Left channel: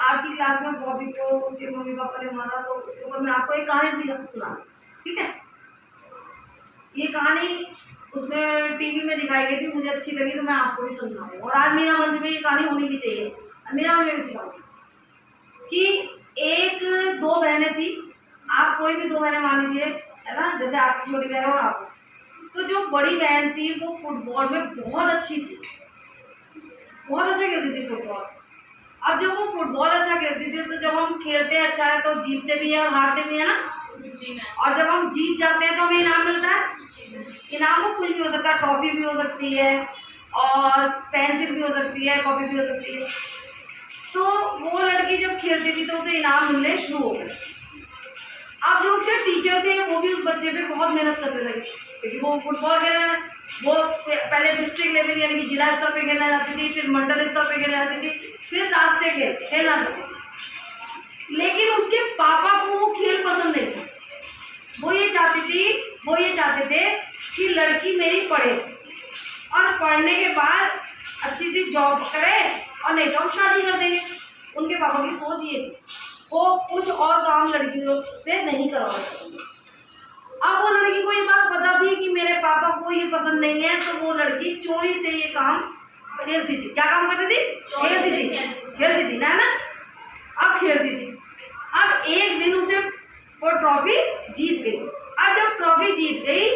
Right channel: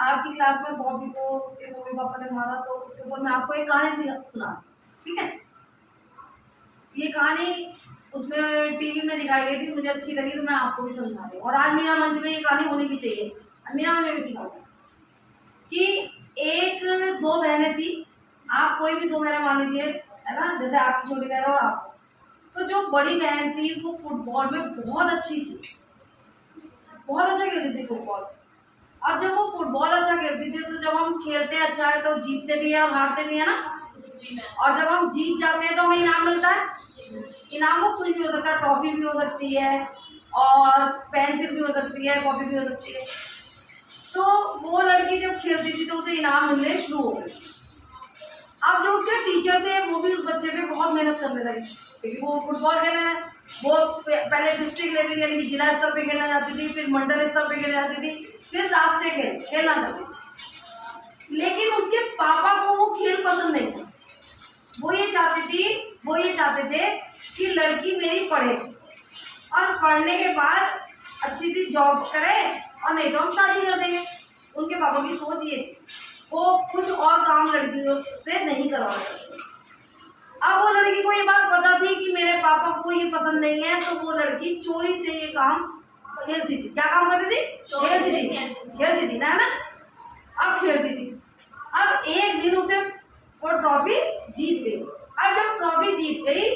Art की class में बॉबी को उसके मम्मी पापा ने मारा, तो उसके ऊपर मैं आपको एक कहानी सुना, ठीक है। ये कहानी उसमें टीवी में दिखाई गई थी, मुझे अच्छी लगी तो मैं आपको भी समझा रही हूँ। और आज मीना मंच में ये कहानी होनी भी चाहिए, मीना मंच में भी सिखाऊंगी कि एक दो बहनें थी। आप कोई भी दो बहनें मान लीजिए, है ना, जैसे आपकी छोटी बहन और आप। तो जो बड़ी बहन थी वो फुटबॉल में बहुत अच्छी थी, बहुत अच्छा खेलती थी फुटबॉल। अब जब वो फुटबॉल अच्छा खेलती थी तो जब हम खेलते हैं अच्छा है तो जीतते भी है और हारते भी है ना जी। और जब हम जीत जाते हैं तो हमें इनाम मिलता है। इनाम वो कुछ भी हो सकता है, ट्रॉफी भी हो सकती है और पेंसिल भी हो सकती है, कॉपी भी हो सकती है। तो वो लड़की जब खेलती थी तो उसे इनाम मिलने शुरू हो गए। अब जो उसके टीचर थे वो भी उस बच्चे पे बहुत मेहनत करने लगे, क्योंकि वो फुटबॉल खेल रहे हैं। वो पहले डिस्ट्रिक्ट लेवल यानी कि जिला स्तर पे खेलना जाती थी, फिर मंडल स्तर पे खेलना जाती थी, फिर राष्ट्रीय खेलना चाहती थी। लेकिन उसके पापा को वो खेल पसंद नहीं था। वो ये चाहते थे कि लड़की मेरी पढ़े और पढ़ने के बाद अच्छी सी जॉब करे और नहीं तो हम शादी कर देंगे। उनके पापा की सोच ये थी, वो कुछ और काम लड़कियों से नहीं करवा सकते। अब वो लड़की को ये बात पता थी कि मेरे पापा को ये पसंद नहीं है, तो वो लड़की चोरी से ये काम खेलती थी। क्या काम करती थी? खेलती थी ना अब खेलती थी। अब एक दिन उसे वो ट्रॉफी जीत गई। अब जब ट्रॉफी जीत गई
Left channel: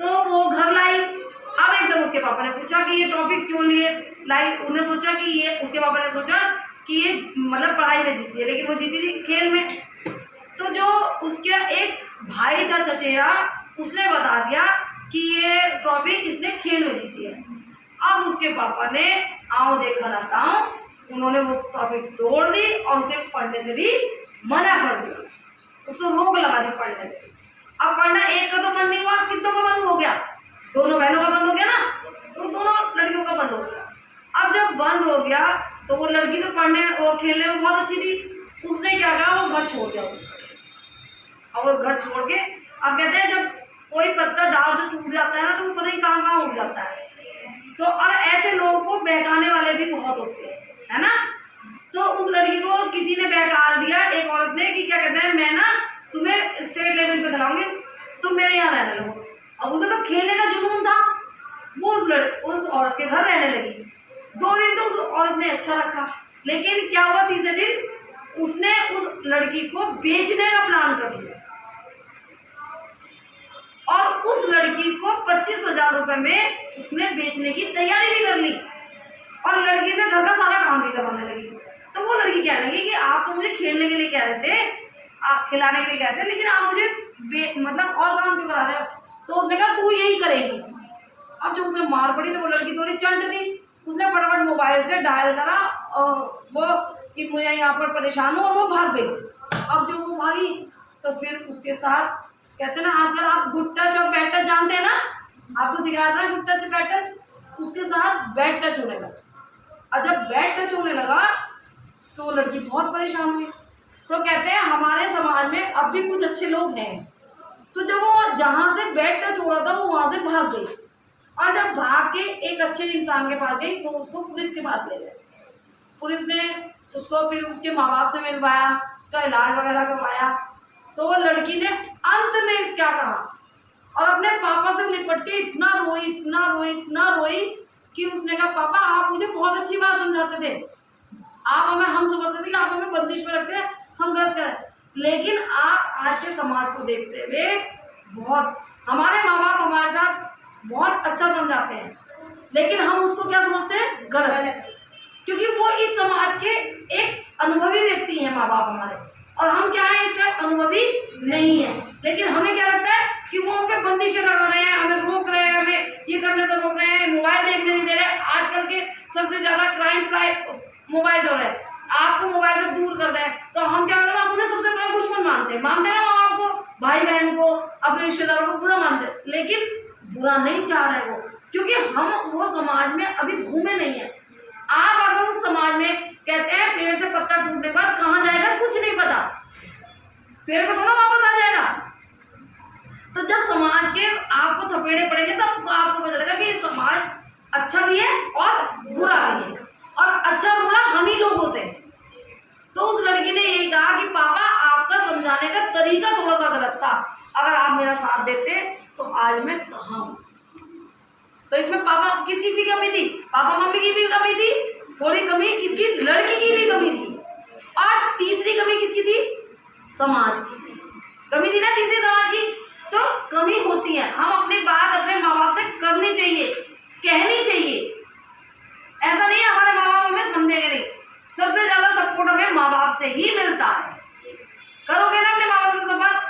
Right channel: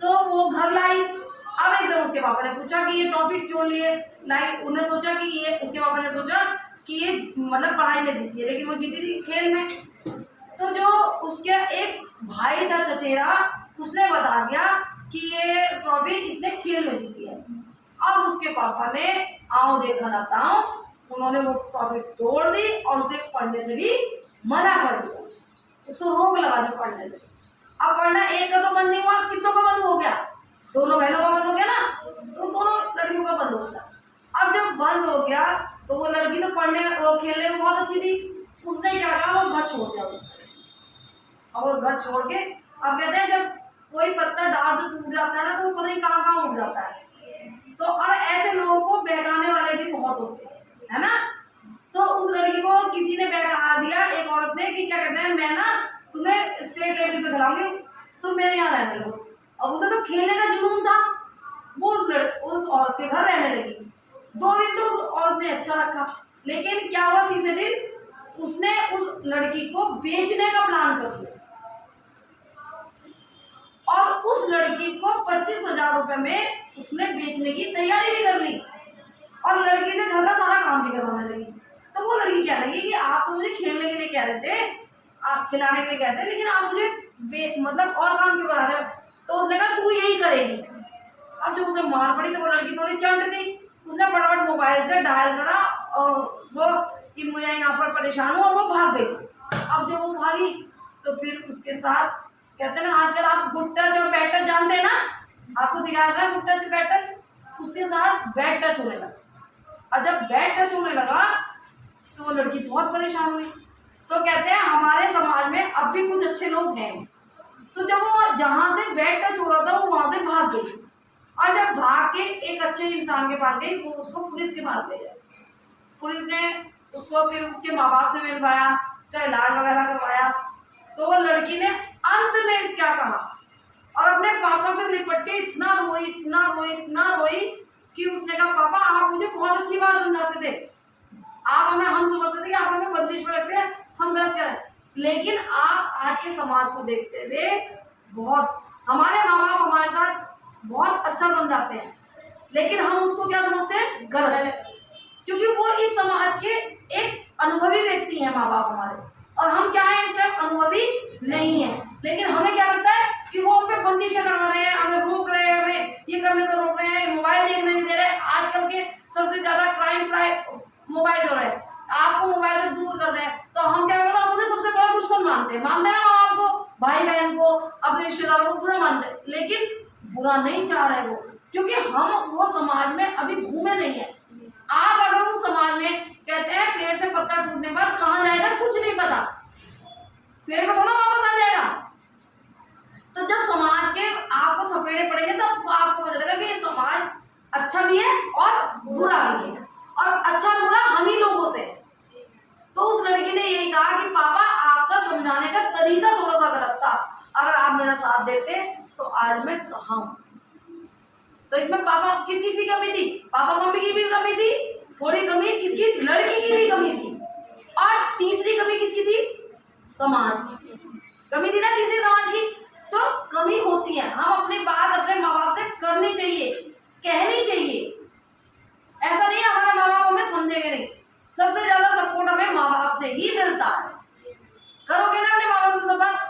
तो वो घर लाई। अब एकदम उसके पापा ने पूछा कि ये ट्रॉफी क्यों लिए लाई। उन्हें सोचा कि ये, उसके पापा ने सोचा कि ये मतलब पढ़ाई में जीती है, लेकिन वो जीती थी खेल में। तो जो उसके एक भाई था चचेरा, उसने बता दिया कि ये ट्रॉफी इसने खेल में जीती है। अब उसके पापा ने आओ देखा ना ताओ, उन्होंने वो ट्रॉफी तोड़ दी और उसे पढ़ने से भी मना कर दिया, उसको रोक लगा दी पढ़ने से। अब पढ़ना एक का तो बंद नहीं हुआ, कितनों का बंद हो गया? दोनों बहनों का बंद हो गया ना, तो दोनों लड़कियों का बंद हो गया। अब जब बंद हो गया तो वो लड़की तो पढ़ने वो खेलने में बहुत अच्छी थी, उसने क्या कहा, वो घर छोड़ दिया उसने। अब वो घर छोड़ के, अब कहते हैं जब कोई पत्ता डाल से टूट जाता है ना तो वो पता नहीं कहाँ कहाँ उड़ जाता है। तो और ऐसे लोगों को बहकाने वाले भी बहुत होते हैं, है ना। तो उस लड़की को किसी ने बहका दिया, एक औरत ने, कि क्या कहते हैं, मैं ना तुम्हें स्टेट लेवल पे खिलाऊंगी, तुम मेरे यहाँ रहने लगो। अब उसे तो खेलने का जुनून था, वो उस औरत के घर रहने लगी। 2 दिन तो उस औरत ने अच्छा रखा, लेकिन क्या हुआ, तीसरे दिन उसने उस लड़की को बेचने का प्लान कर दिया और उस लड़की को 25,000 रुपए में उसने बेचने की तैयारी भी कर ली और लड़की से घर का सारा काम भी करवाने लगी। तो वो लड़की कहने लगी कि आप तो मुझे खेलने के लिए कह रहे थे, आप खिलाने के लिए कहते, लेकिन आप मुझे मतलब और काम क्यों करा रहे हो? तो उसने कहा तू यही करेगी। अब जब उसे मार पड़ी तो वो लड़की थोड़ी चंट थी, उसने फटाफट मोबाइल से डायल करा और वो कि मुझे यहाँ पर परेशान हूँ, और वो भाग गई। अब जब वो भागी तो फिर उसके साथ, कहते हैं ना आजकल आप गुड टच और बैड टच जानते हैं ना, आपको सिखाया था गुड टच बैड टच, उसके साथ बैड टच होने लगा। और जब बैड टच होने लगा तो वो लड़की बहुत परेशान हुई। तो कहते हैं हमारे समाज में अब भी कुछ अच्छे लोग हैं। तो जब वो जहाँ से बैड टच हो रहा था वो वहाँ से भाग गई, और जब भाग के एक अच्छे इंसान के पास गई वो उसको पुलिस के पास ले गए। पुलिस ने उसको फिर उसके माँ बाप से मिलवाया, उसका इलाज वगैरह करवाया। तो वो लड़की ने अंत में क्या कहा, और अपने पापा से लिपट के इतना रोई कि उसने कहा पापा आप मुझे बहुत अच्छी बात समझाते थे, हम समझते थे कि आप हमें बंदिश में रखते हैं, हम गलत करें, लेकिन आप आज के समाज को देखते हुए बहुत, हमारे माँ बाप हमारे साथ बहुत अच्छा समझाते हैं, लेकिन हम उसको क्या समझते हैं, गलत, क्योंकि वो इस समाज के एक अनुभवी व्यक्ति हैं माँ बाप हमारे, और हम क्या है इस टाइम अनुभवी नहीं है। लेकिन हमें क्या लगता है कि वो हम पे बंदिशें लगा रहे हैं, हमें रोक रहे हैं, हमें ये करने से रोक रहे हैं, मोबाइल देखने नहीं दे रहे। आजकल के सबसे ज्यादा क्राइम मोबाइल जो है, आपको मोबाइल से दूर कर दे तो हम क्या करते हैं, हम उन्हें सबसे बड़ा दुश्मन मानते हैं ना माँ बाप को, भाई बहन को, अपने रिश्तेदारों को बुरा मानते हैं, लेकिन बुरा नहीं चाह रहे वो, क्योंकि हम वो समाज में अभी घूमे नहीं है। आप अगर उस समाज में, कहते हैं पेड़ से पत्ता टूटने के बाद कहाँ जाएगा कुछ नहीं पता, पेड़ पे थोड़ा वापस आ जाएगा। तो जब समाज के आपको थपेड़े पड़ेंगे तब आपको पता चलेगा कि ये समाज अच्छा भी है और बुरा भी है, और अच्छा और बुरा हम ही लोगों से। अगर आप मेरा साथ देते तो आज मैं कहाँ हूँ। तो इसमें पापा किसकी सी कमी थी, पापा मम्मी की भी कमी थी, थोड़ी कमी किसकी, लड़की की भी कमी थी, और तीसरी कमी किसकी थी, समाज की कमी थी ना, तीसरी समाज की। तो कमी होती है, हम अपनी बात अपने माँ बाप से करनी चाहिए, कहनी चाहिए। ऐसा नहीं है हमारे माँ बाप हमें समझेंगे नहीं, सबसे ज्यादा सपोर्ट हमें माँ बाप से ही मिलता है। करोगे ना अपने माँ बाप से सब बात,